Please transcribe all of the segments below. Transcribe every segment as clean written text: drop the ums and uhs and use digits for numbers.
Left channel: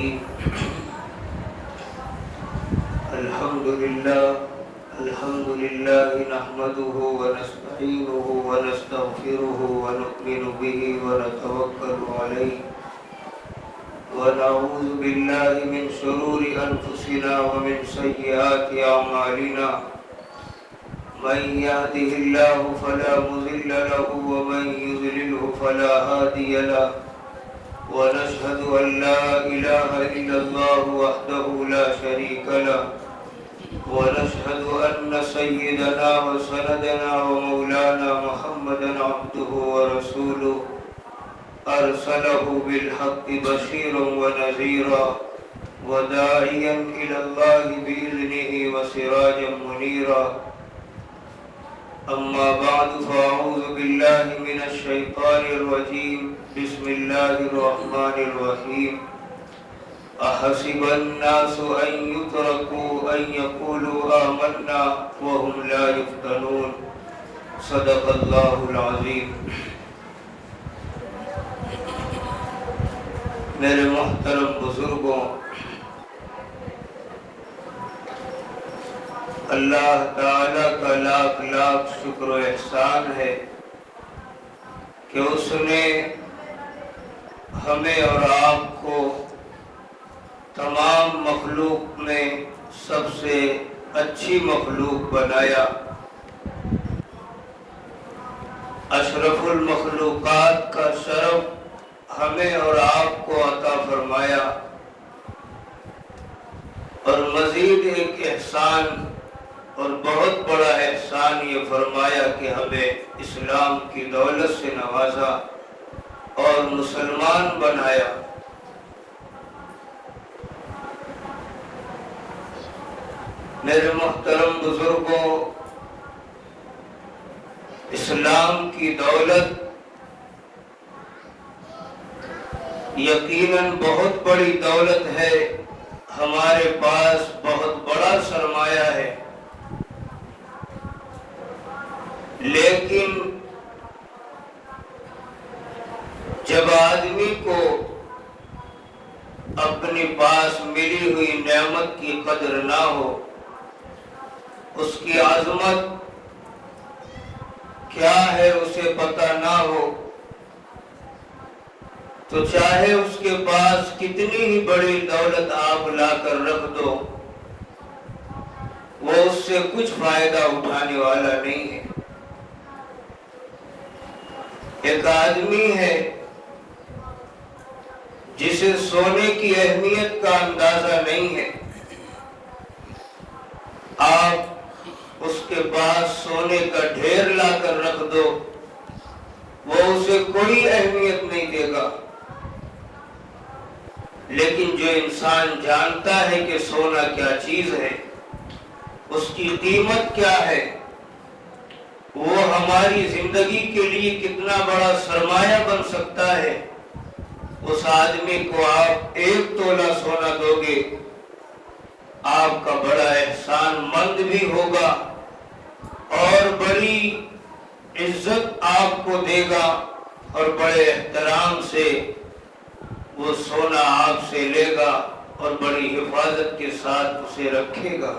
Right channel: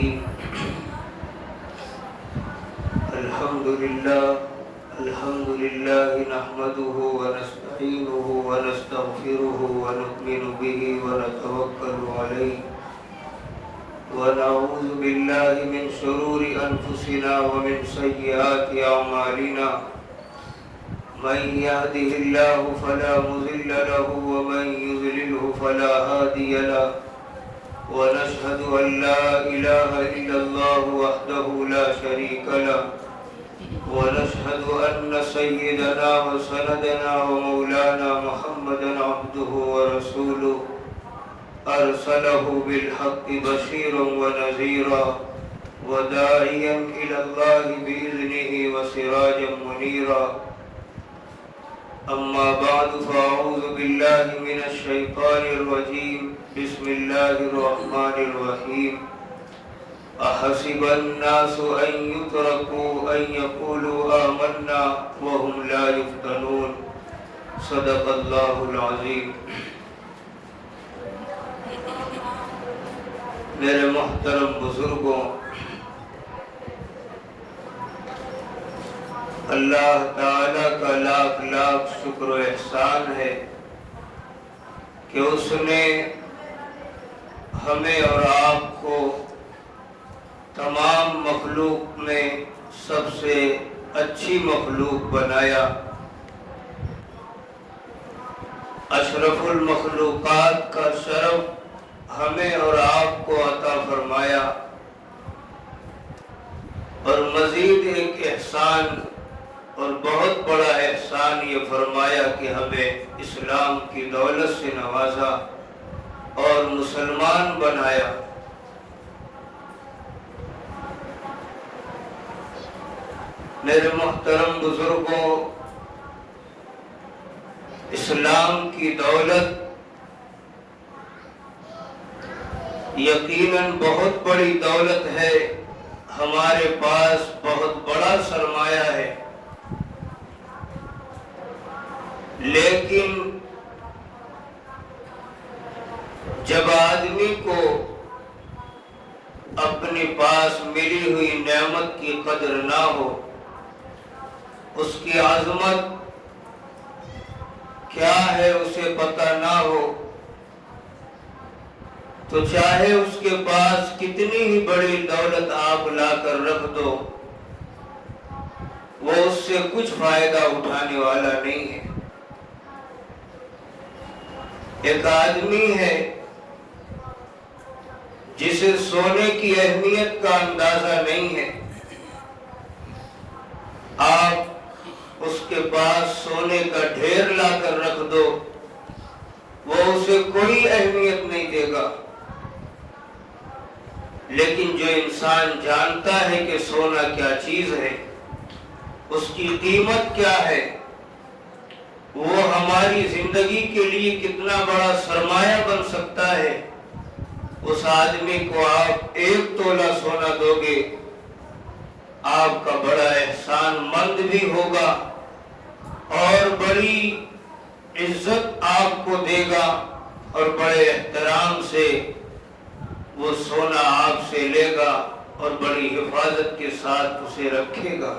الرحيم الحمد لله نحمده ونستعينه ونستغفره ونؤمن به ونتوكل عليه ونعوذ بالله من شرور أنفسنا ومن سيئات أعمالنا من يهده الله فلا مضل له ومن يضلله فلا هادي له ونشهد أن لا إله إلا الله وحده لا شريك له ونشهد أن سيدنا وسندنا ومولانا محمدا عبده ورسوله أرسله بالحق بشيرا ونذيرا وداعيا إلى الله بإذنه وسراجا منيرا أما بعد فأعوذ بالله من الشيطان الرجيم بسم الله الرحمن الرحيم أحسب الناس أن يتركوا أن يقولوا آمنا وهم لا يفتنون صدق الله العظيم میرے محترم بزرگوں، اللہ تعالی کا لاکھ لاکھ شکر و احسان ہے کہ اس نے ہمیں اور آپ کو تمام مخلوق میں سب سے اچھی مخلوق بنایا، اشرف المخلوقات کا شرف ہمیں اور آپ کو عطا فرمایا، اور مزید ایک احسان اور بہت بڑا احسان یہ فرمایا کہ ہمیں اسلام کی دولت سے نوازا اور مسلمان بنایا۔ میرے محترم بزرگوں، اسلام کی دولت یقیناً بہت بڑی دولت ہے، ہمارے پاس بہت بڑا سرمایہ ہے، لیکن جب آدمی کو اپنے پاس ملی ہوئی نعمت کی قدر نہ ہو، اس کی عظمت کیا ہے اسے پتہ نہ ہو، تو چاہے اس کے پاس کتنی ہی بڑی دولت آپ لا کر رکھ دو، وہ اس سے کچھ فائدہ اٹھانے والا نہیں ہے۔ ایک آدمی ہے جسے سونے کی اہمیت کا اندازہ نہیں ہے، آپ اس کے پاس سونے کا ڈھیر لا کر رکھ دو، وہ اسے کوئی اہمیت نہیں دے گا۔ لیکن جو انسان جانتا ہے کہ سونا کیا چیز ہے، اس کی قیمت کیا ہے، وہ ہماری زندگی کے لیے کتنا بڑا سرمایہ بن سکتا ہے، اس آدمی کو آپ 1 تولہ سونا دو گے، آپ کا بڑا احسان مند بھی ہوگا اور بڑی عزت آپ کو دے گا، اور بڑے احترام سے وہ سونا آپ سے لے گا اور بڑی حفاظت کے ساتھ اسے رکھے گا،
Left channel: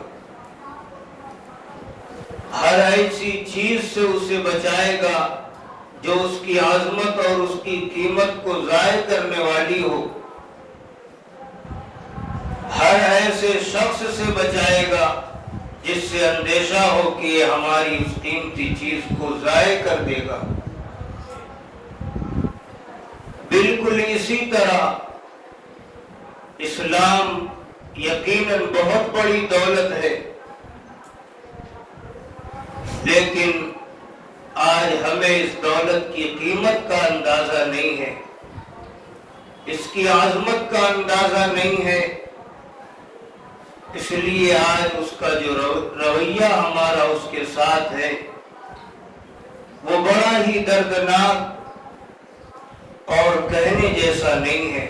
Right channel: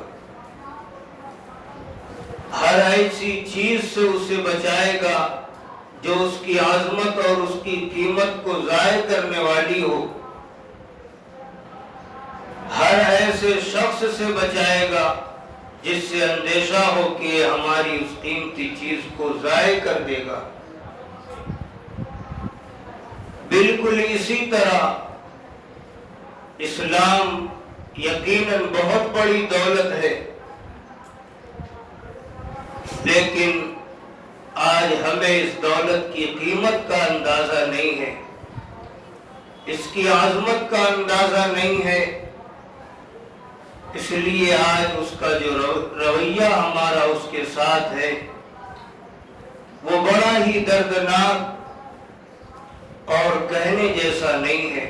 ہر ایسی چیز سے اسے بچائے گا جو اس کی عظمت اور اس کی قیمت کو ضائع کرنے والی ہو، ہر ایسے شخص سے بچائے گا جس سے اندیشہ ہو کہ یہ ہماری اس قیمتی چیز کو ضائع کر دے گا۔ بالکل اسی طرح اسلام یقیناً بہت بڑی دولت ہے، لیکن آج ہمیں اس دولت کی قیمت کا اندازہ نہیں ہے، اس کی عظمت کا اندازہ نہیں ہے، اس لیے آج اس کا جو رویہ ہمارا اس کے ساتھ ہے وہ بڑا ہی دردناک اور کہنے جیسا نہیں ہے۔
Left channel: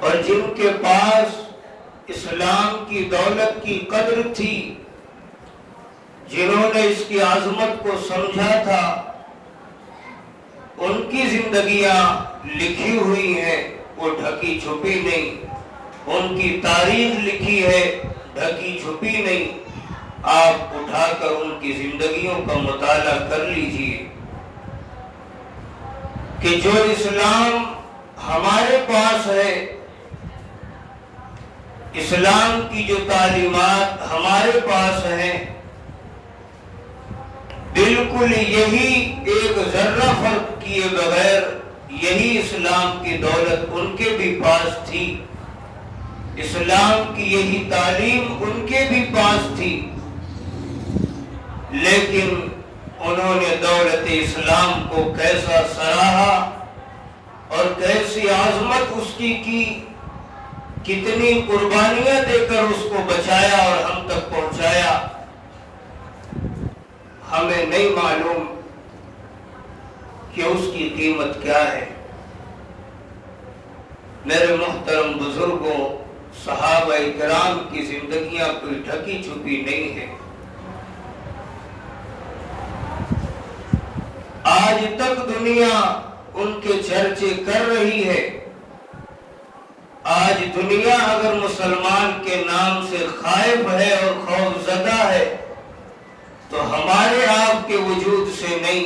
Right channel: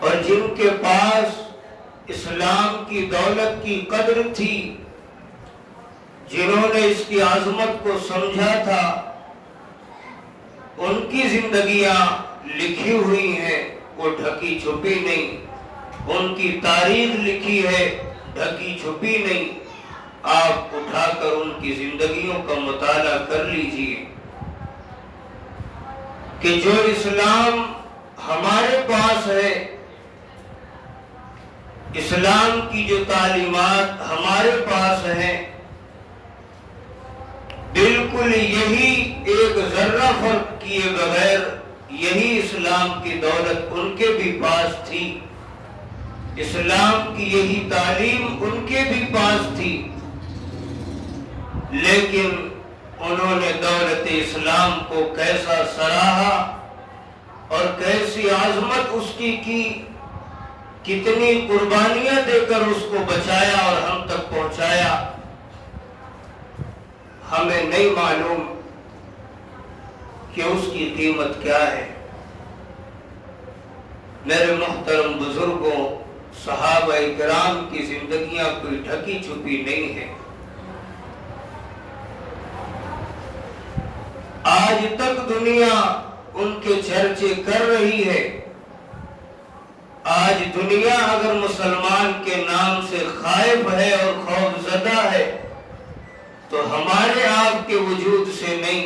اور جن کے پاس اسلام کی دولت کی قدر تھی، جنہوں نے اس کی عظمت کو سمجھا تھا، ان کی زندگیاں لکھی ہوئی ہیں وہ ڈھکی چھپی نہیں، ان کی تاریخ لکھی ہے ڈھکی چھپی نہیں۔ آپ اٹھا کر ان کی زندگیوں کا مطالعہ کر لیجئے کہ جو اسلام ہمارے پاس ہے، اسلام کی جو تعلیمات ہمارے پاس ہیں، بالکل یہی ایک ذرہ فرق کیے بغیر یہی اسلام کی دولت ان کے بھی پاس تھی، اسلام کی یہی تعلیم ان کے بھی پاس تھی، لیکن انہوں نے دولت اسلام کو کیسا سراہا اور کیسی عظمت اس کی کتنی قربانیاں دے کر اس کو بچایا اور ہم تک پہنچایا، ہمیں نہیں معلوم کہ اس کی قیمت کیا ہے۔ میرے محترم بزرگوں، صحابہ کرام کی زندگیاں کوئی ڈھکی چھپی نہیں ہے۔ آج تک دنیا ان کے چرچے کر رہی ہے۔ آج دنیا اگر مسلمان کے نام سے خائف ہے اور خوف زدہ ہے تو ہمارے آپ کے وجود سے نہیں،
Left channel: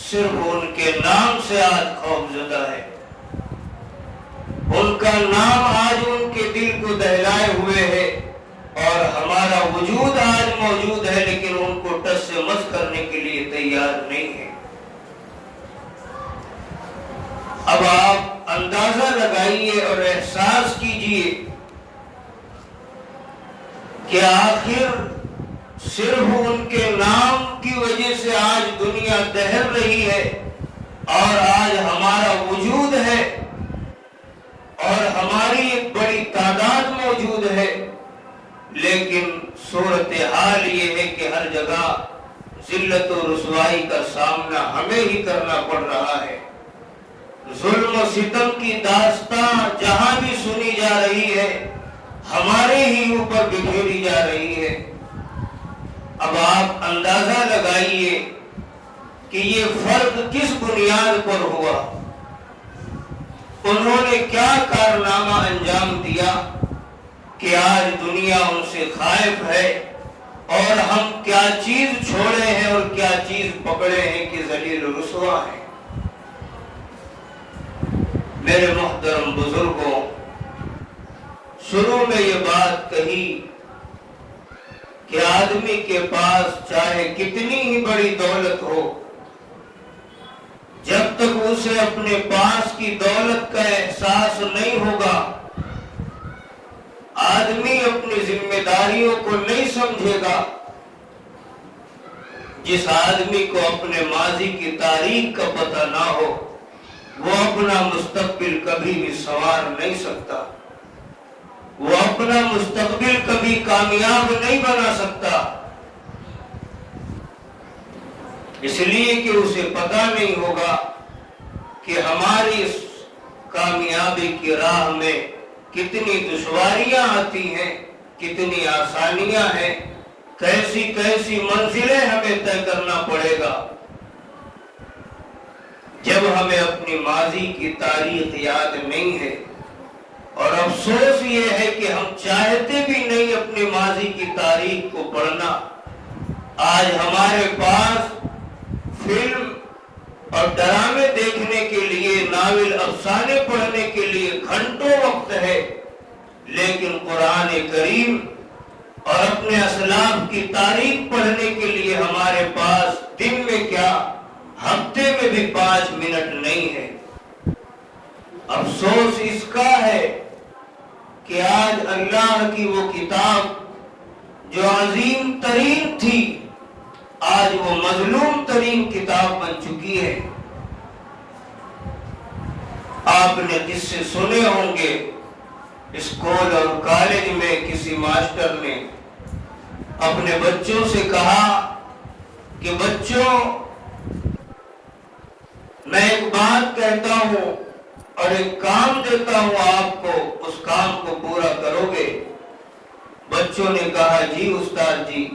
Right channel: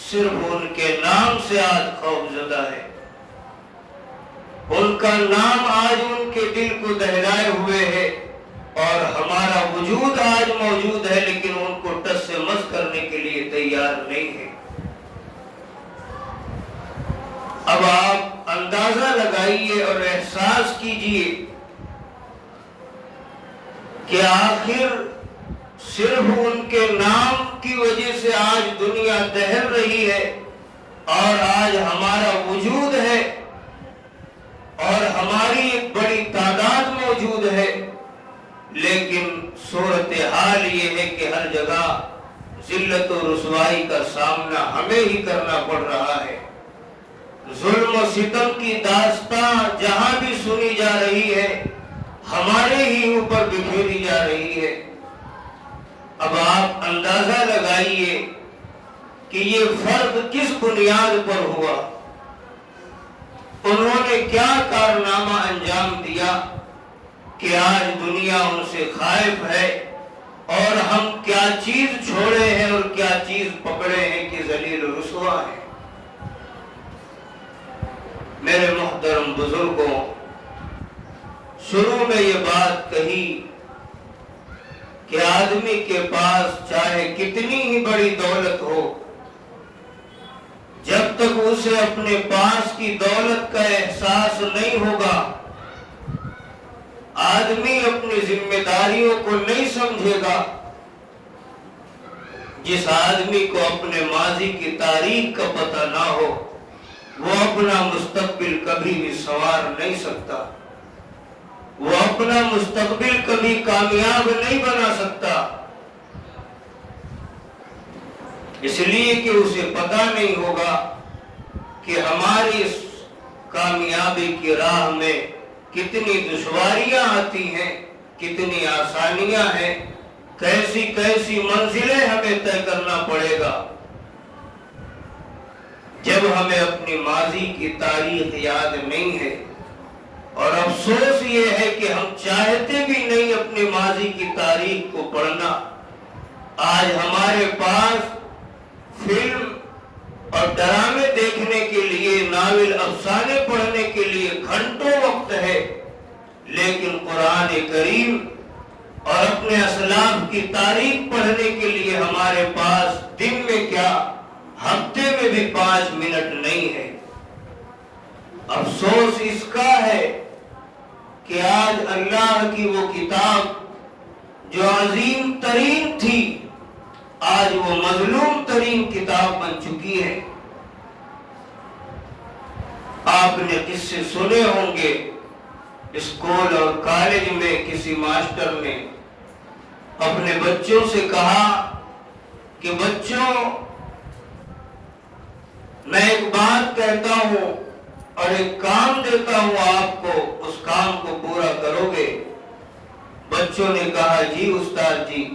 صرف ان کے نام سے آج خوف زدہ ہے۔ ان کا نام آج ان کے دل کو دہلائے ہوئے ہے اور ہمارا وجود آج موجود ہے، لیکن ان کو ٹس سے مس کرنے کے لیے تیار نہیں ہے۔ اب آپ اندازہ لگائیے اور احساس کیجئے کہ آخر صرف ان کے نام کی وجہ سے آج دنیا دہل رہی ہے اور آج ہمارا وجود ہے اور ہماری ایک بڑی تعداد موجود ہے، لیکن صورتحال یہ ہے کہ ہر جگہ ذلت و رسوائی کا سامنا ہمیں ہی کرنا پڑ رہا ہے۔ ظلم و ستم کی داستان جہاں بھی سنی جا رہی ہے ہمارے ہی اوپر بکھیری جا رہی ہے۔ اب آپ اندازہ لگائیے کہ یہ فرق کس بنیاد پر ہوا، انہوں نے کیا کارنامہ انجام دیا کہ آج دنیا ان سے خائف ہے اور ہم کیا چیز چھوڑے ہیں اور کیا چیز پکڑے ہیں کہ ذلیل و رسوا ہے۔ میرے محترم بزرگوں، شروع میں یہ بات کہی کہ آدمی کے پاس چاہے کتنی ہی بڑی دولت ہو، جب تک اسے اپنے پاس کی دولت کا احساس نہیں ہوگا، آدمی اپنی ذمہ داریوں کو نہیں سمجھے گا۔ جس آدمی کو اپنے ماضی کی تاریخ کا پتہ نہ ہو، وہ اپنا مستقبل کبھی بھی سنوار نہیں سکتا، وہ اپنا مستقبل کبھی کامیاب نہیں بنا سکتا، اس لیے کہ اسے پتہ نہیں ہوگا کہ ہماری اس کامیابی کی راہ میں کتنی دشواریاں آتی ہیں، کتنی آسانیاں ہیں، کیسی کیسی منزلیں ہمیں طے کرنا پڑے گا۔ جب ہمیں اپنی ماضی کی تاریخ یاد نہیں ہے، اور افسوس یہ ہے کہ ہم چاہتے بھی نہیں اپنی ماضی کی تاریخ کو پڑھنا۔ آج ہمارے پاس فلم اور ڈرامے دیکھنے کے لیے، ناول افسانے پڑھنے کے لیے گھنٹوں وقت ہے، لیکن قرآن کریم اور اپنے اسلاف کی تاریخ پڑھنے کے لیے ہمارے پاس دن میں کیا ہفتے میں بھی 5 منٹ نہیں ہے۔ افسوس اس کا ہے کہ آج اللہ کی وہ کتاب جو عظیم ترین تھی، آج وہ مظلوم ترین کتاب بن چکی ہے۔ آپ نے قصے سنے ہوں گے، اسکول اور کالج میں کسی ماسٹر نے اپنے بچوں سے کہا کہ بچوں، میں ایک بات کہتا ہوں اور ایک کام دیتا ہوں آپ کو، اس کام کو پورا کرو گے؟ بچوں نے کہا جی استاد جی۔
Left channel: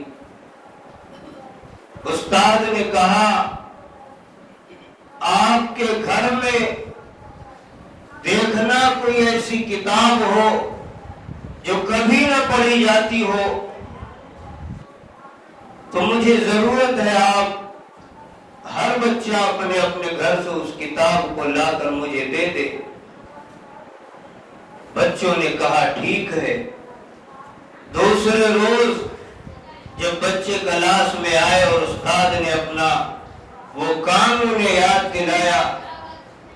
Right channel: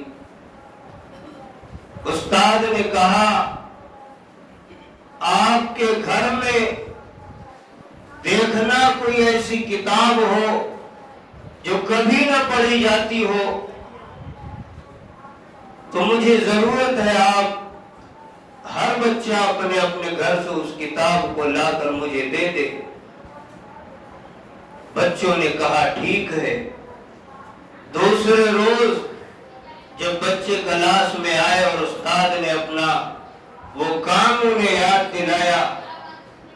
استاد نے کہا آپ کے گھر میں دیکھنا کوئی ایسی کتاب ہو جو کبھی نہ پڑھی جاتی ہو تو مجھے ضرورت ہے آپ ہر بچہ اپنے اپنے گھر سے اس کتاب کو لا کر مجھے دے دے۔ بچوں نے کہا ٹھیک ہے۔ دوسرے روز جب بچے کلاس میں آئے اور استاد نے اپنا وہ کام انہیں یاد دلایا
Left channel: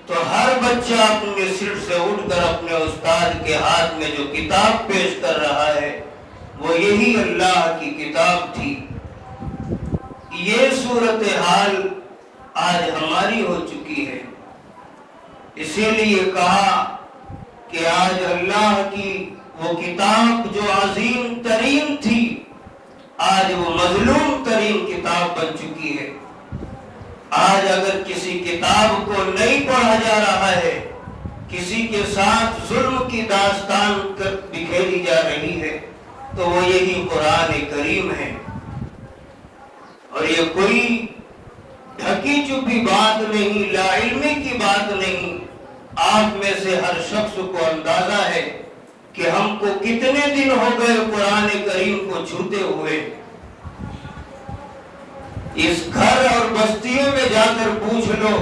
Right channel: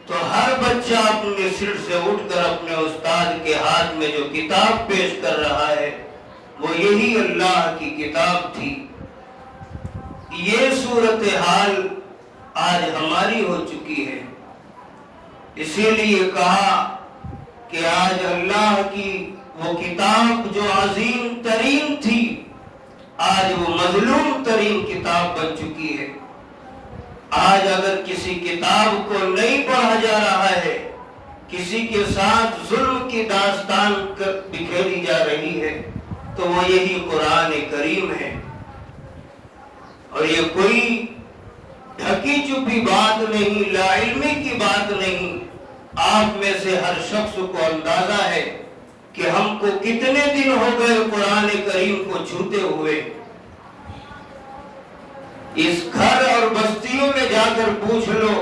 تو ہر بچہ اپنے سیٹ سے اٹھ کر اپنے استاد کے ہاتھ میں جو کتاب پیش کر رہا ہے وہ یہی اللہ کی کتاب تھی۔ یہ صورتحال آج ہماری ہو چکی ہے، اسی لیے کہا کہ آج اللہ کی وہ کتاب جو عظیم ترین تھی آج وہ مظلوم ترین کتاب بن چکی ہے۔ آج اگر کسی کتاب کو نہیں پڑھا جا رہا ہے، کسی کے ساتھ ظلم کی داستان بکھیری جا رہی ہے تو وہ یہی قرآن کریم ہے۔ اور یہ کوئی ڈھکی چھپی بات نہیں، لا علمی کی بات نہیں۔ آپ میں سے ہر شخص کو اندازہ ہے کہ ہم کو کتنے دن ہو گئے قرآن کریم کو چھوتے ہوئے۔ اس گھر اور بستیوں میں جا کر پوچھ لو،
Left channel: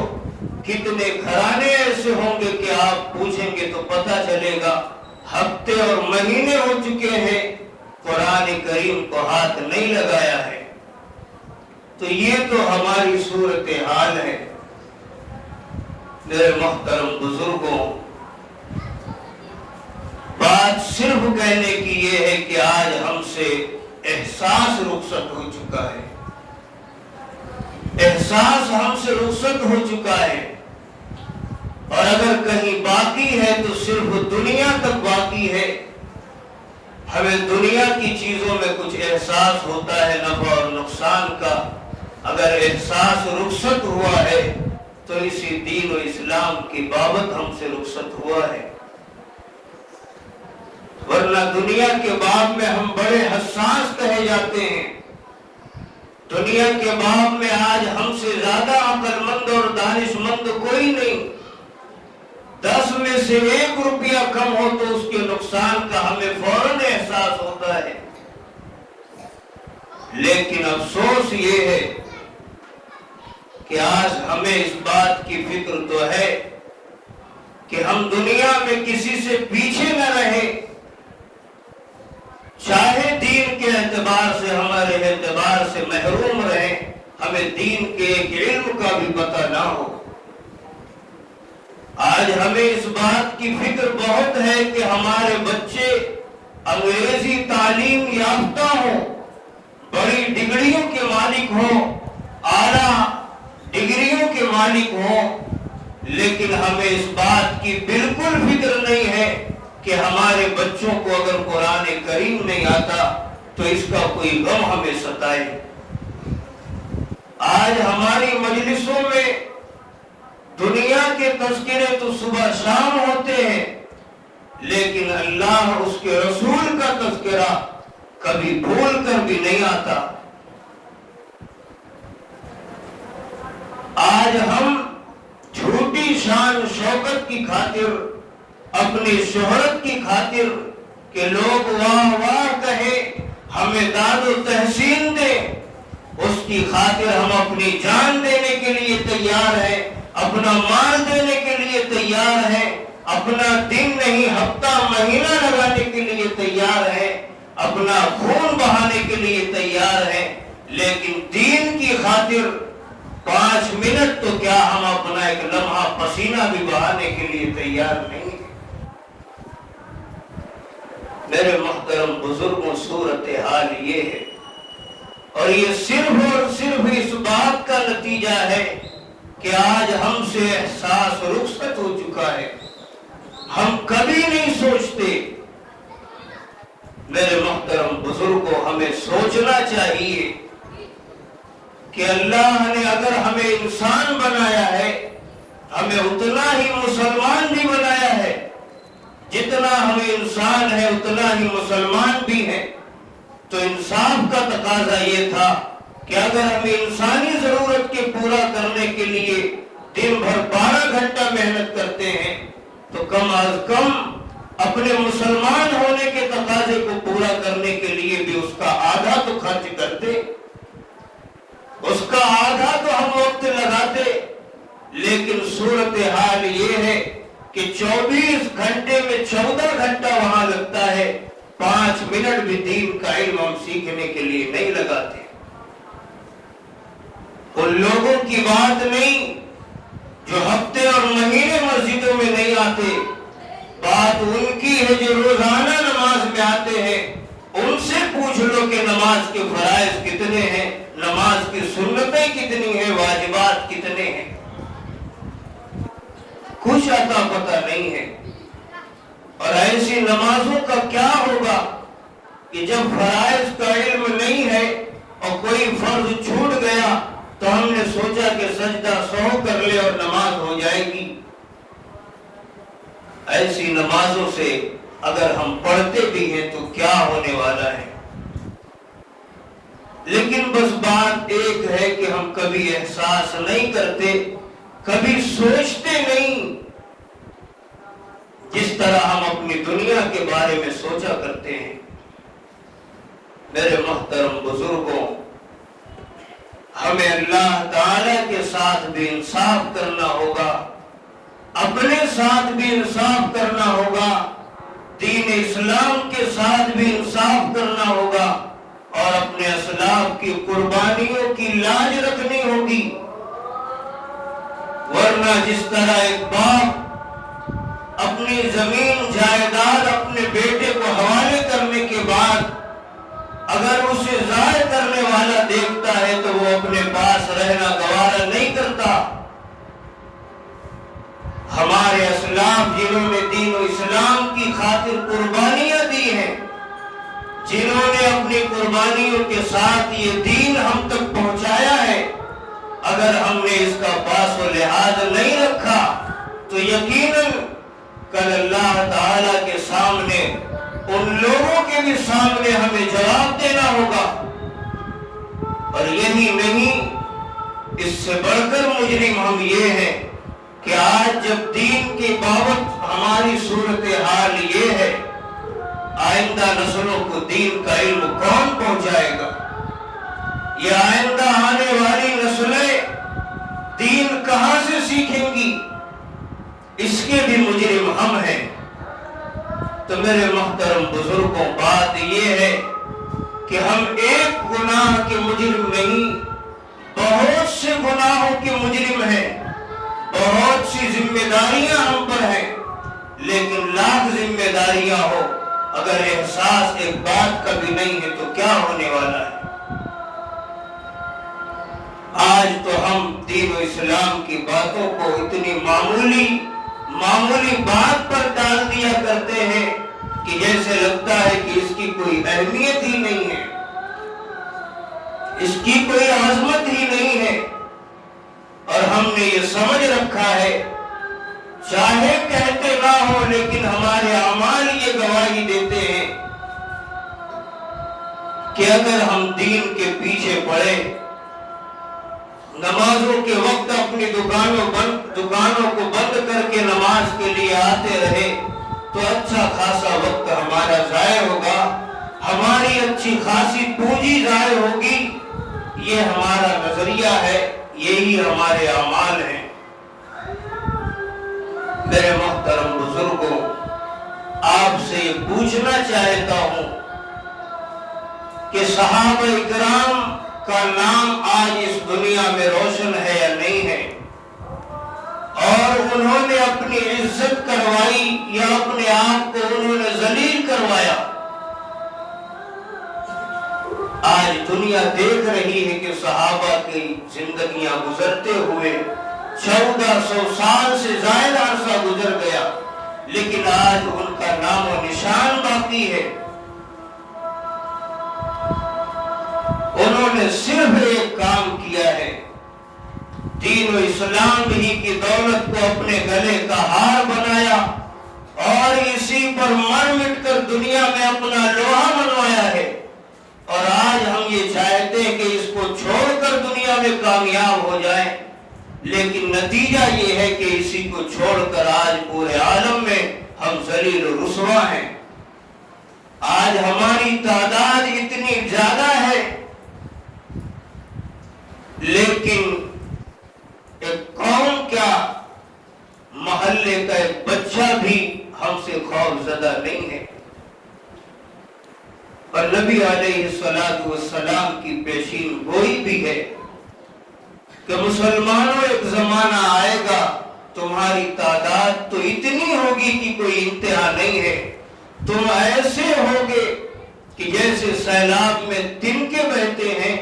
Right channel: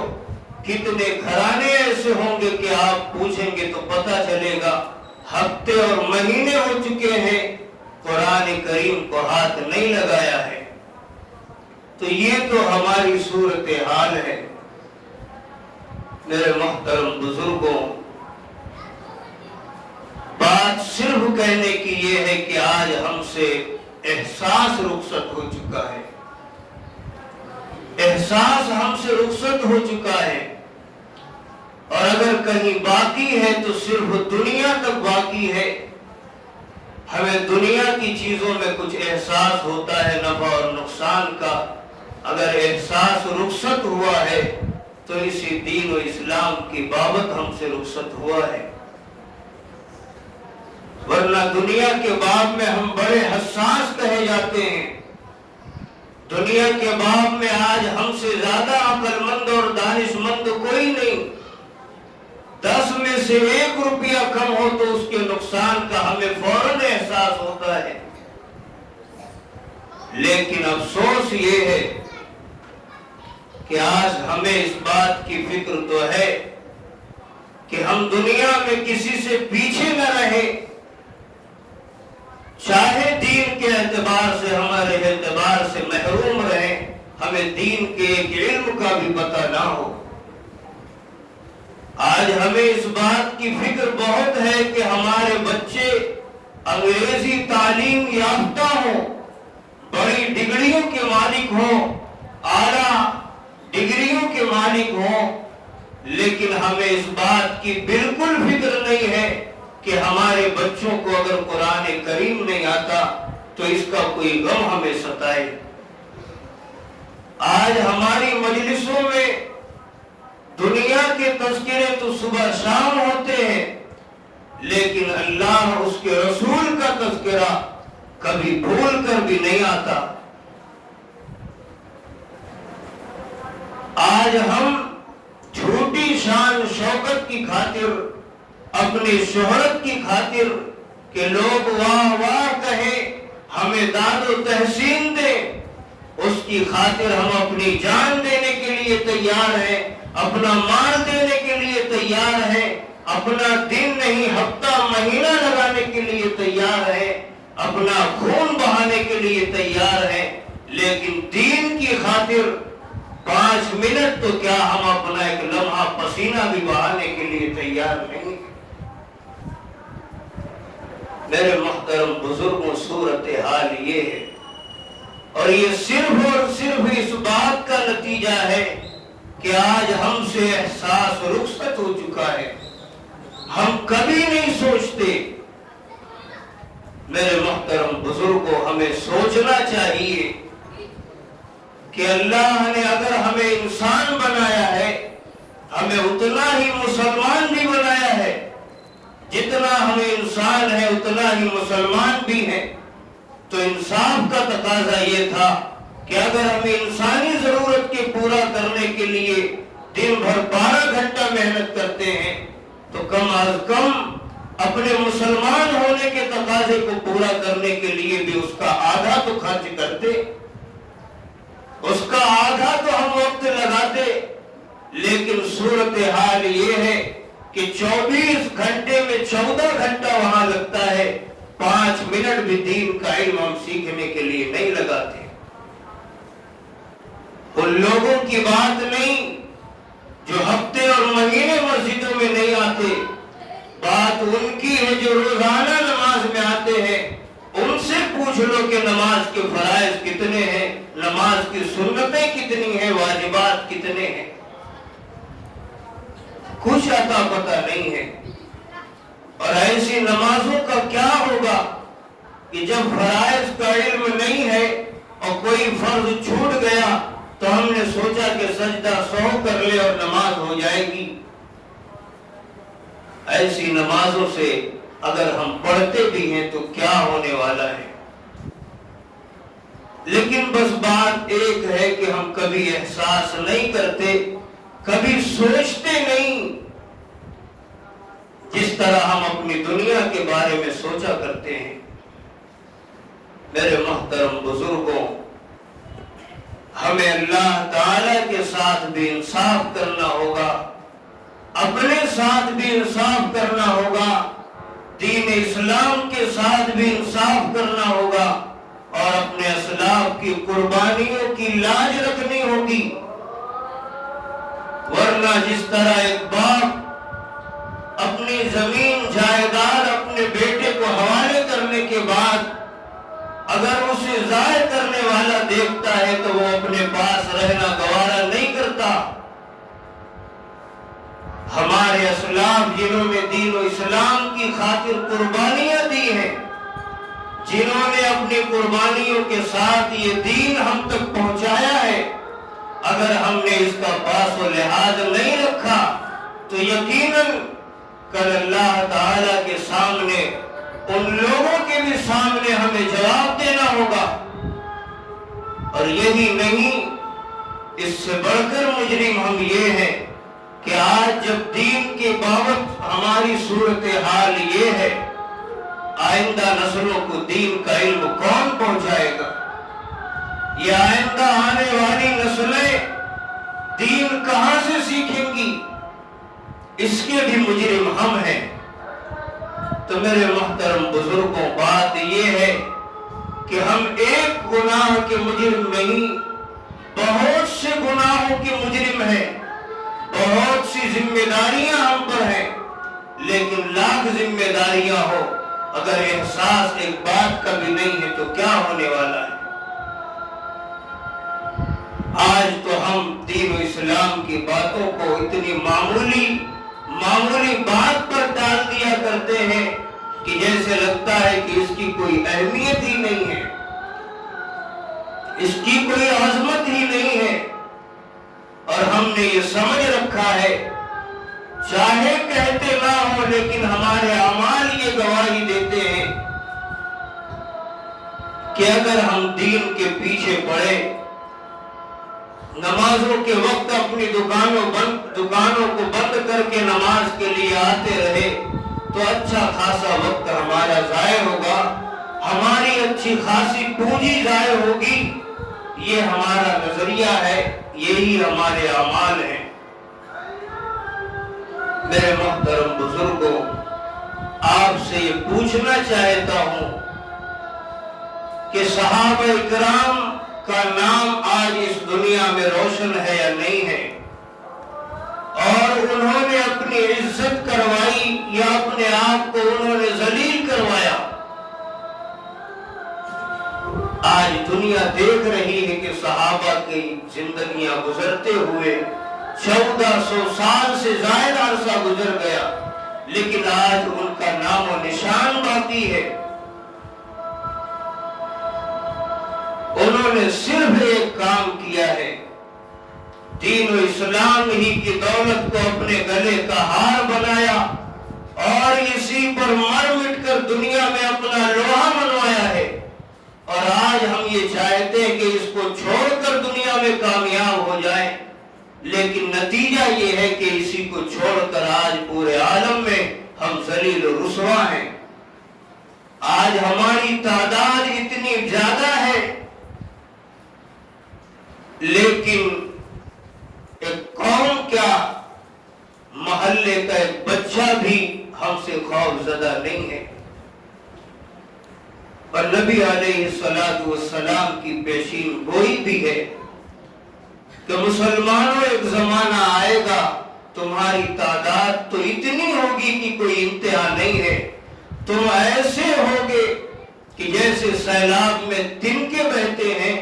کتنے گھرانے ایسے ہوں گے کہ آپ پوچھیں گے تو پتہ چلے گا ہفتے اور مہینے ہو چکے ہیں قرآن کریم کو ہاتھ نہیں لگایا ہے۔ تو یہ تو ہماری صورتحال ہے۔ میرے محترم بزرگوں، بات صرف کہنے کی یہ ہے کہ آج ہم سے احساس رخصت ہو چکا ہے، احساس ہم سے رخصت ہو چکا ہے، اور اگر کہیں باقی ہے تو صرف دنیا تک باقی ہے۔ ہمیں دنیا کی چیزوں میں کچھ احساس ہوتا ہے نفع اور نقصان کا، اگر احساس رخصت ہوا ہے تو اسی دین و اسلام کی بابت ہم سے رخصت ہوا ہے، ورنہ دنیا کے باب میں ہم بڑے حساس کہے جاتے ہیں۔ دنیا کے باب میں آج ہم سے زیادہ عقل مند اور دانش مند کوئی نہیں۔ 10 میں سے 1 روپیہ کم ہو تو اس کے نقصان کا ہمیں فوراً احساس ہوتا ہے، لیکن افسوس یہ ہے کہ آج ہمیں اس بات کی فکر تو ہے کہ ہم دنیا میں کسی سے پیچھے نہ رہے، چاہے دین کے اعتبار سے ہمارے اعتبار سے محروم رہے، ہمیں دین کے ایک علم کا بھی پتہ نہ ہو۔ آج ہمیں اس بات کی فکر بہت ہے کہ ہمارے بچے انگریزی تعلیم یافتہ ہوں، بڑی ڈگریوں کے مالک ہوں، اعلیٰ ڈگریوں کے مالک ہوں، لیکن ہمیں اس بات کی بالکل فکر نہیں ہے کہ ہمارے بچوں کو اگر قرآن کریم نہیں آتا تو اس کا کوئی غم ہمیں ستائے۔ آج ہماری مجلسوں میں دنیا کے تذکرے تو صبح شام ہوتے ہیں، لیکن اللہ اس کے رسول کا تذکرہ کبھی بھول کر بھی نہیں آتا۔ آج ہم جھوٹی شان شوکت کی خاطر، اپنی شہرت کی خاطر کہ لوگ واہ واہ کہیں، ہمیں داد و تحسین دے، اس کی خاطر ہم اپنی جان دینے کے لیے تیار ہیں، اپنا مال دینے کے لیے تیار ہیں، اپنا دن نہیں ہفتہ مہینہ لگانے کے لیے تیار ہیں، اپنا خون بہانے کے لیے تیار ہیں، لیکن دین کی خاطر 5 منٹ تو کیا ہم اپنا ایک لمحہ پسینہ بھی بہانے کے لیے تیار نہیں۔ میرے محترم بزرگوں، صورتحال یہ ہے، اور یہ صرف اور صرف اس بات کا نتیجہ ہے کہ آج ہم سے احساس رخصت ہو چکا ہے۔ ہم کبھی نہیں سوچتے۔ میرے محترم بزرگوں، ہمیں سوچنا چاہیے کہ اللہ نے اگر ہمیں انسان بنایا ہے، ہمیں اتنا ہی مسلمان بھی بنایا ہے، جتنا ہمیں انسان ہے اتنا ہی مسلمان بھی ہے، تو انصاف کا تقاضا یہ تھا کہ اگر ہمیں انسانی ضرورت کے پورا کرنے کے لیے دن بھر 12 گھنٹہ محنت کرتے ہیں تو کم از کم اپنے مسلمان ہونے کے تقاضے کو پورا کرنے کے لیے بھی اس کا آدھا تو خرچ کرتے، اس کا آدھا تو ہم وقت لگاتے۔ لیکن صورتحال یہ ہے کہ 24 گھنٹے میں 14 گھنٹہ وہاں لگتا ہے، 5 منٹ بھی دین کا علم ہم سیکھنے کے لیے نہیں لگاتے۔ ان لوگوں کی بات نہیں جو ہفتے اور مہینے مسجدوں میں نہیں آتے، بات ان کی ہے جو روزانہ نماز میں آتے ہیں۔ ان سے پوچھ لو کہ نماز کے فرائض کتنے ہیں، نماز کی سنتیں کتنی ہیں، واجبات کتنے ہیں، کچھ عطا پتہ نہیں ہے۔ اور ایسی نمازوں کا کیا ہوگا کہ جب فرائض کا علم نہیں ہے اور کوئی فرض چھوٹ گیا تو ہم نے سوچا کہ سجدہ 100 کر لے اور نماز ہو جائے گی۔ ایسی نمازوں سے اگر ہم پڑھتے بھی ہیں تو کیا ہونے والا ہے؟ لیکن بس بات ایک ہے کہ ہم کبھی احساس نہیں کرتے، کبھی سوچتے نہیں جس طرح ہم اپنی دنیا کے بارے میں سوچا کرتے ہیں۔ میرے محترم بزرگوں، ہمیں اللہ تعالی کے ساتھ بھی انصاف کرنا ہوگا، اپنے ساتھ بھی انصاف کرنا ہوگا، دین اسلام کے ساتھ بھی انصاف کرنا ہوگا، اور اپنے اسلاف کی قربانیوں کی لاج رکھنی ہوگی۔ ورنہ جس طرح ایک باپ اپنی زمین جائیداد اپنے بیٹے کو حوالے کرنے کے بعد اگر اسے ضائع کرنے والا دیکھتا ہے تو وہ اپنے پاس رہنا گوارا نہیں کرتا۔ ہمارے اسلاف جنہوں نے دین و اسلام کی خاطر قربانیاں دی ہیں، جنہوں نے اپنی قربانیوں کے ساتھ یہ دین ہم تک پہنچایا ہے، اگر ہم نے اس کا پاس و لحاظ نہیں رکھا تو یقیناً کل اللہ تعالی کے سامنے ان لوگوں کے بھی سامنے ہمیں جواب دینا ہوگا۔ اور یہی نہیں، اس سے بڑھ کر مجرم ہم یہ ہیں کہ آج جب دین کی بابت ہماری صورتحال یہ ہے، آئندہ نسلوں کو دین کا علم کون پہنچائے گا؟ یہ آئندہ آنے والی نسلیں دین کہاں سے سیکھیں گی؟ اس کے بھی مجرم ہم ہیں۔ تو میرے محترم بزرگوں، بات یہ ہے کہ ہم ایک گناہ کے مجرم نہیں، بہت سے گناہوں کے مجرم ہیں، بہت سی ذمہ داریاں ہم پر ہیں، لیکن لاکھ ذمہ داریاں ہو اگر احساس ایک بات کا بھی نہیں ہے تو کیا ہونے والا ہے؟ آج تو ہم دین و اسلام کی باتوں کو اتنی معمولی بات پر ڈال دیا کرتے ہیں کہ جیسے لگتا ہے کہ اس کی کوئی اہمیت ہی نہیں ہے، اس کی کوئی عظمت ہی نہیں ہے۔ اور ہم نے یہ سمجھ رکھا ہے، چاہے کہتے نہ ہو لیکن ہمارے اعمال یہ گواہی دیتے ہیں کہ اگر ہم دین کے پیچھے پڑے، نمازوں کے وقت اپنی دکانوں کو بند کر کے نماز کے لیے آتے رہے تو اچھا خاصا وقت ہمارا ضائع ہوگا، ہماری اچھی خاصی پونجی ضائع ہوگی۔ یہ ہمارا نظریہ ہے، یہی ہمارے اعمال ہیں۔ میرے محترم بزرگوں، آپ سے یہ پوچھنا چاہتا ہوں کہ صحابہ اکرام کا نام آج اس دنیا میں روشن ہے یا نہیں ہے؟ اور انہوں نے اپنی عزت کروائی یا اپنے آپ کو انہوں نے ذلیل کروایا؟ آج دنیا دیکھ رہی ہے کہ صحابہ کی زندگیاں گزرتے ہوئے 1400 سال سے زائد عرصہ گزر گیا، لیکن آج ان کا نام و نشان باقی ہے۔ انہوں نے صرف ایک کام کیا ہے، دین و اسلام ہی کی دولت کو اپنے گلے کا ہار بنایا اور اسی پر مر مٹ کر دنیا میں اپنا لوہا منوایا ہے۔ اور آج ہم یہ چاہتے ہیں کہ اس کو چھوڑ کر دنیا میں کامیاب ہو جائیں، لیکن نتیجہ یہ ہے کہ اسی کو چھوڑ کر آج پورے عالم میں ہم ذلیل و رسوا ہیں۔ آج ہماری تعداد اتنی زیادہ ہے، لیکن ایک قوم کیا، محلے کا ایک بچہ بھی ہم سے خوف زدہ نہیں ہے۔ اور نبی علیہ السلام کی پیشین گوئی بھی ہے کہ مسلمانوں ایک زمانہ آئے گا تمہاری تعداد تو اتنی ہوگی کہ کوئی انتہا نہیں ہے، تم ایسے ہوگے کہ جیسے سیلاب میں تنکے بہتے ہیں،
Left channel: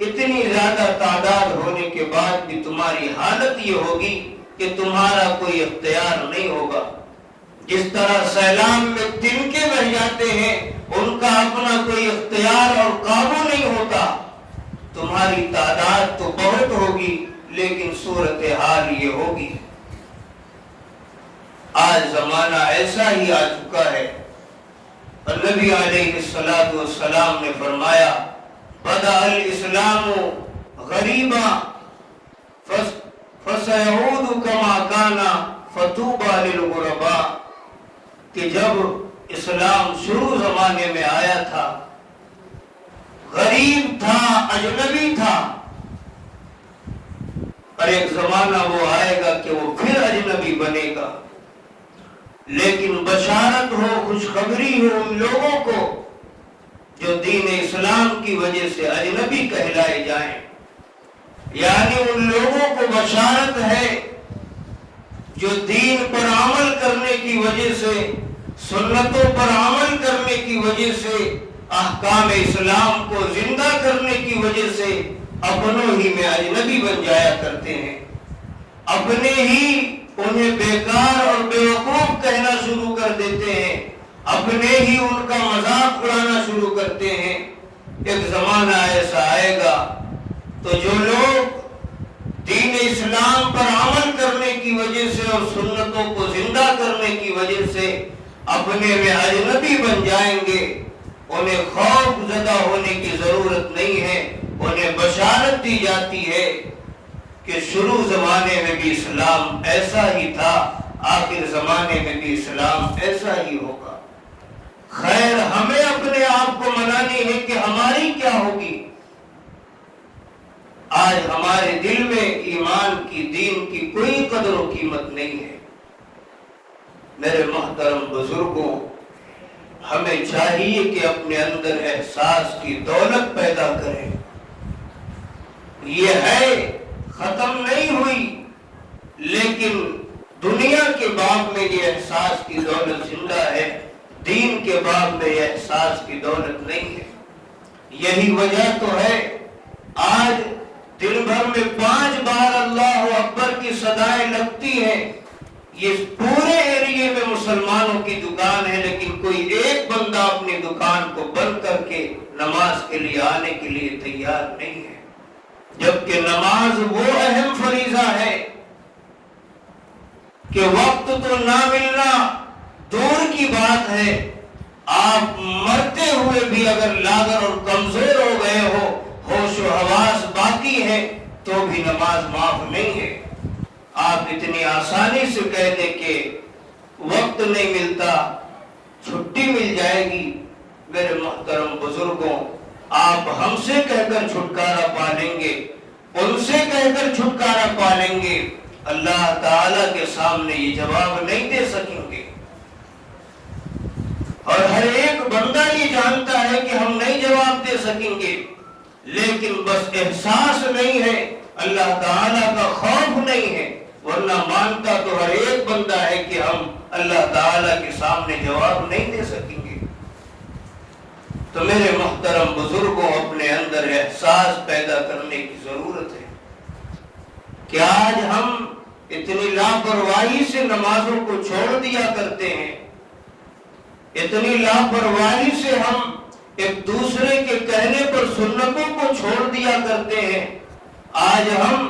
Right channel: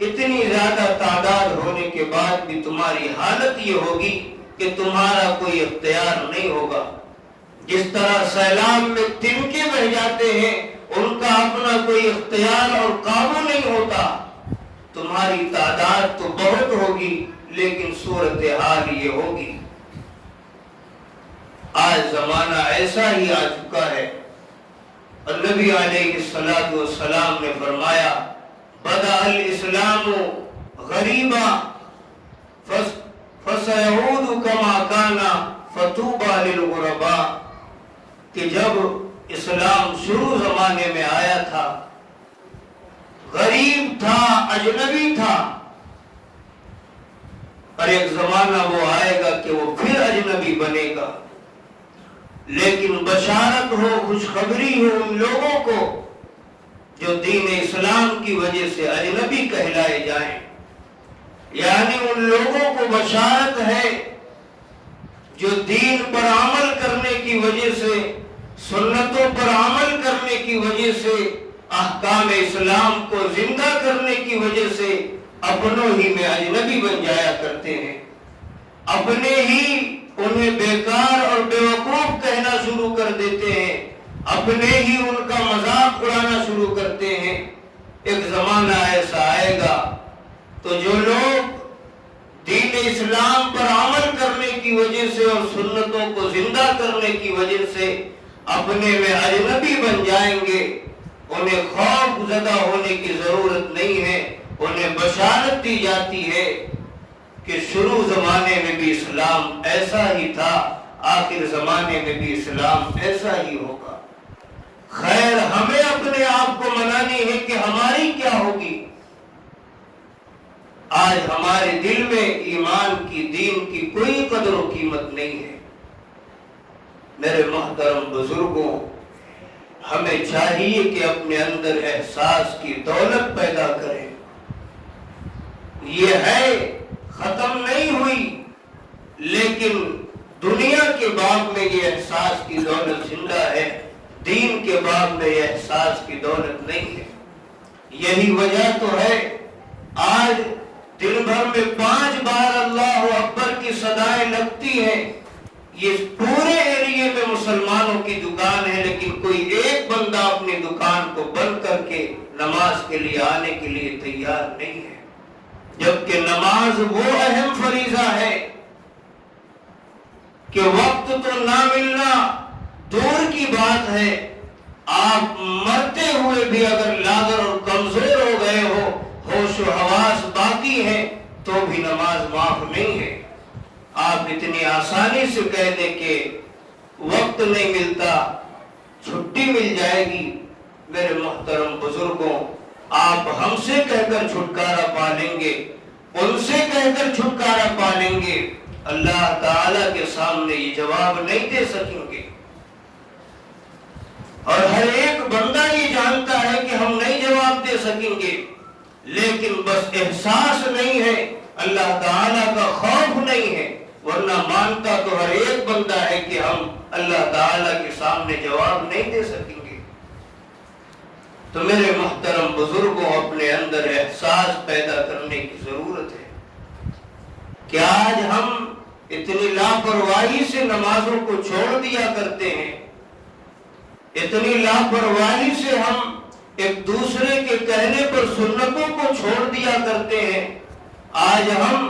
اتنی زیادہ تعداد ہونے کے بعد بھی تمہاری حالت یہ ہوگی کہ تمہارا کوئی اختیار نہیں ہوگا۔ جس طرح سیلاب میں تنکے بہ جاتے ہیں، ان کا اپنا کوئی اختیار اور قابو نہیں ہوتا، تمہاری تعداد تو بہت ہوگی لیکن صورتحال یہ ہوگی۔ آج زمانہ ایسا ہی آ چکا ہے، اور نبی علیہ السلام نے فرمایا بدأ الاسلام غریبا فسيعود كما كان فطوبى للغرباء، کہ جب اسلام شروع زمانے میں آیا تھا غریب تھا، اجنبی تھا، اور ایک زمانہ وہ آئے گا کہ وہ پھر اجنبی بنے گا، لیکن بشارت ہو، خوشخبری ہو ان لوگوں کو جو دین اسلام کی وجہ سے اجنبی کہلائے جائیں، یعنی ان لوگوں کو بشارت ہے جو دین پر عمل کرنے کی وجہ سے، سنتوں پر عمل کرنے کی وجہ سے، احکام اسلام کو زندہ کرنے کی وجہ سے اپنوں ہی میں اجنبی بن جایا کرتے ہیں، اپنے ہی انہیں بیکار اور بیوقوف کہنا شروع کر دیتے ہیں، اپنے ہی ان کا مذاق اڑانا شروع کرتے ہیں۔ ایک زمانہ ایسا آئے گا تو جو لوگ دین اسلام پر عمل کرنے کی وجہ سے اور سنتوں کو زندہ کرنے کی وجہ سے اپنے میں اجنبی بن جائیں گے، انہیں خوف زدہ ہونے کی ضرورت نہیں ہے، انہیں بشارت دی جاتی ہے کہ شروع زمانے میں بھی اسلام ایسا ہی تھا، آخر زمانے میں بھی اسلام ایسا ہی ہوگا۔ خیر ہمیں اپنے آپ کو منانی ہے کہ ہماری کیا ہوگی۔ آج ہمارے دل میں ایمان کی، دین کی کوئی قدر و قیمت نہیں ہے۔ میرے محترم بزرگوں، ہمیں چاہیے کہ اپنے اندر احساس کی دولت پیدا کریں۔ یہ ہے، ختم نہیں ہوئی، لیکن دنیا کے باب میں یہ احساس کی دولت زندہ ہے، دین کے باب میں یہ احساس کی دولت نہیں ہے۔ یہی وجہ تو ہے آج دن بھر میں 5 بار اللہ اکبر کی صدائیں لگتی ہیں، یہ پورے ایریے میں مسلمانوں کی دکان ہے، لیکن کوئی ایک بندہ اپنی دکان کو بند کر کے نماز کے لیے آنے کے لیے تیار نہیں ہے، جبکہ نماز وہ اہم فریضہ ہے کہ وقت تو نہ ملنا دور کی بات ہے، آپ مرتے ہوئے بھی اگر لاغر اور کمزور ہو گئے ہو، ہوش و حواس باقی ہے، تو بھی نماز معاف نہیں ہے۔ آپ اتنی آسانی سے کہہ دیں کہ وقت نہیں ملتا، چھٹی مل جائے گی۔ میرے محترم بزرگوں، آپ ہم سے کہہ کر چھٹکارا پالیں گے، ان سے کہہ کر چھٹکارا پالیں گے، اللہ تعالیٰ کے سامنے یہ جواب نہیں دے سکیں گے۔ اور ہر ایک بندہ یہ جانتا ہے کہ ہم نہیں جواب دے سکیں گے، لیکن بس احساس نہیں ہے، اللہ تعالیٰ کا خوف نہیں ہے، ورنہ مانتا تو ہر ایک بندہ ہے کہ ہم اللہ تعالیٰ کے سامنے جواب نہیں دے سکیں گے۔ تو میرے محترم بزرگوں، اپنے اندر احساس پیدا کرنے کی ضرورت ہے کہ آج ہم اتنی لاپرواہی سے نمازوں کو چھوڑ دیا کرتے ہیں، اتنی لاپرواہی سے ہم ایک دوسرے کے کہنے پر سنتوں کو چھوڑ دیا کرتے ہیں۔ آج ہم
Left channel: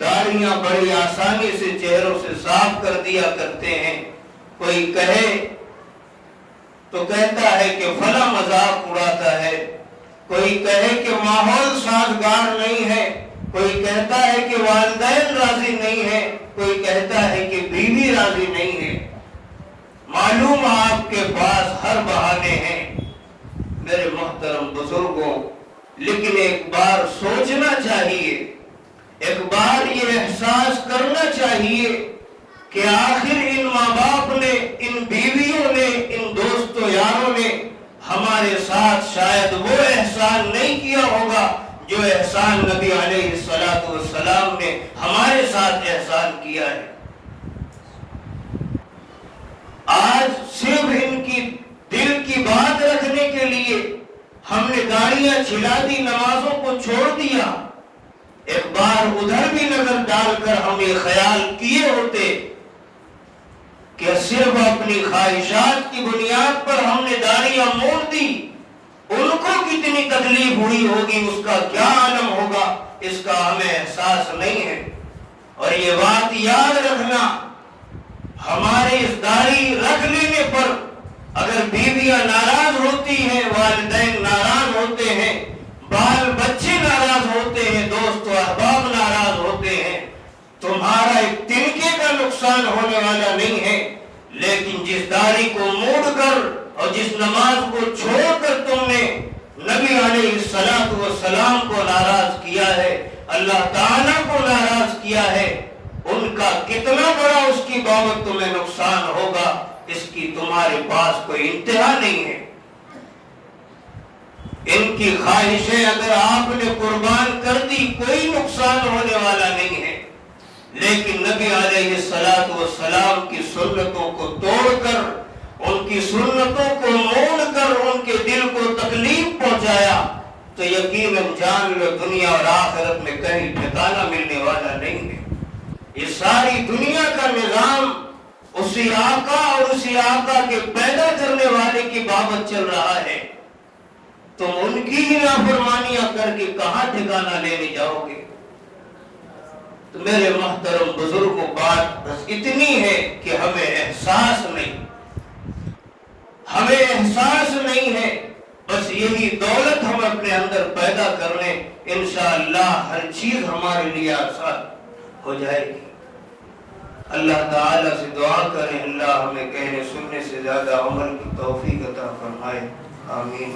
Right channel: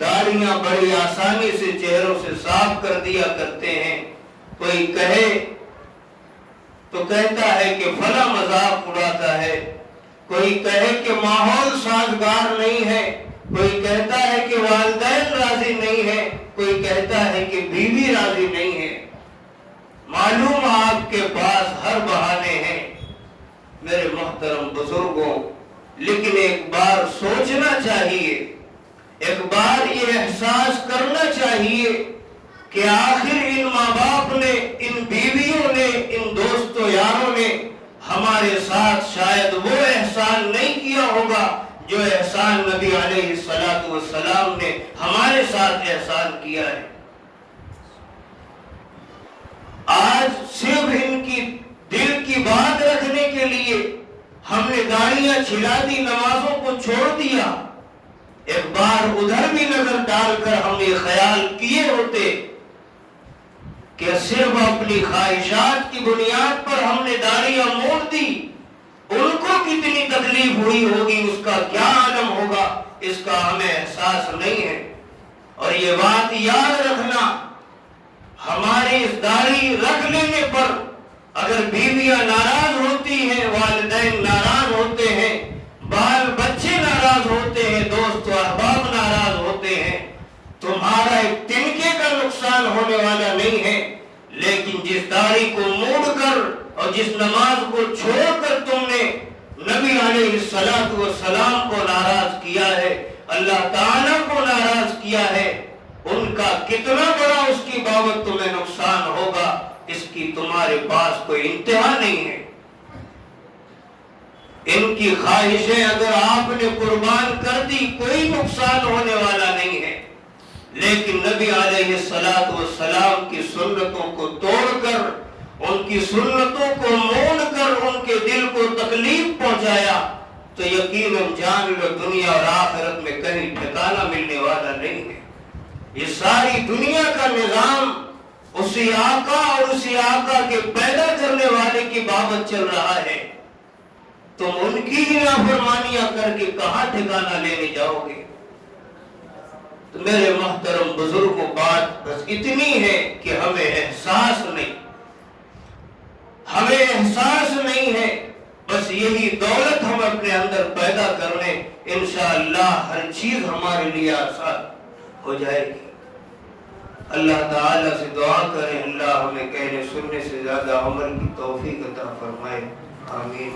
داڑھیاں بڑی آسانی سے چہروں سے صاف کر دیا کرتے ہیں، کوئی کہے تو کہتا ہے کہ فلاں مذاق اڑاتا ہے، کوئی کہے کہ ماحول سازگار نہیں ہے کوئی کہتا ہے کہ والدین راضی نہیں ہیں، کوئی کہتا ہے کہ بیوی راضی نہیں ہے۔ معلوم آپ کے پاس ہر بہانے ہیں میرے محترم بزرگوں، لیکن ایک بار سوچنا چاہیے، ایک بار یہ احساس کرنا چاہیے کہ آخر ان ماں باپ نے، ان بیویوں نے، ان دوستوں یاروں نے ہمارے ساتھ شاید وہ احسان نہیں کیا ہوگا جو احسان نبی علیہ السلام نے ہمارے ساتھ احسان کیا ہے۔ آج صرف ان کی دل کی بات رکھنے کے لیے ہم نے گاڑیاں چھلا دی، نمازوں کو چھوڑ دیا۔ ایک بار ادھر بھی نظر ڈال کر ہم یہ خیال کیے ہوتے کہ صرف اپنی خواہشات کی بنیاد پر ہم نے داڑیاں موڑ دی، ان کو کتنی تکلیف ہوئی ہوگی، اس کا کیا عالم ہوگا، اس کا ہمیں احساس نہیں ہے۔ اور یہ بات یاد رکھنا، ہمارے اس داڑھی رکھ لینے پر اگر بیویاں ناراض ہوتی ہیں، والدین ناراض ہوتے ہیں، بال بچے ناراض ہوتے ہیں، دوست و احباب ناراض ہوتے ہیں، تمہارا ایک تنکے کا نقصان ہونے والا نہیں ہے، لیکن جس داڑھی کو موڑ کر اور جس نماز کو چھوڑ کر تم نے نبی علیہ السلام کو ناراض کیا ہے، اللہ تعالیٰ کو ناراض کیا ہے، ان کا کتنا بڑا اس کی بابت تمہیں نقصان ہوگا، اس کی تمہارے پاس کوئی انتہا نہیں ہے۔ ان کی خواہشیں اگر آپ نے قربان کر دی کوئی نقصان ہونے والا نہیں ہے، لیکن نبی علیہ السلام کی سنتوں کو توڑ کر، ان کی سنتوں کو موڑ کر ان کے دل کو تکلیف پہنچایا تو یقیناً جان لو دنیا اور آخرت میں کہیں ٹھکانہ ملنے والا نہیں ہے۔ یہ ساری دنیا کا نظام اسی آقا اور اسی آقا کے پیدا کرنے والے کی بابت چل رہا ہے، تم ان کی ہی نافرمانیاں کر کے کہاں ٹھکانہ لینے جاؤ گے؟ تو میرے محترم بزرگوں، بات بس اتنی ہے کہ ہمیں احساس نہیں ہے، بس یہی دولت ہم اپنے اندر پیدا کر لیں، انشاءاللہ ہر چیز ہمارے لیے آسان ہو جائے گی۔ اللہ تعالیٰ سے دعا کریں، اللہ ہمیں کہنے سننے سے زیادہ عمل کی توفیق عطا فرمائے، آمین۔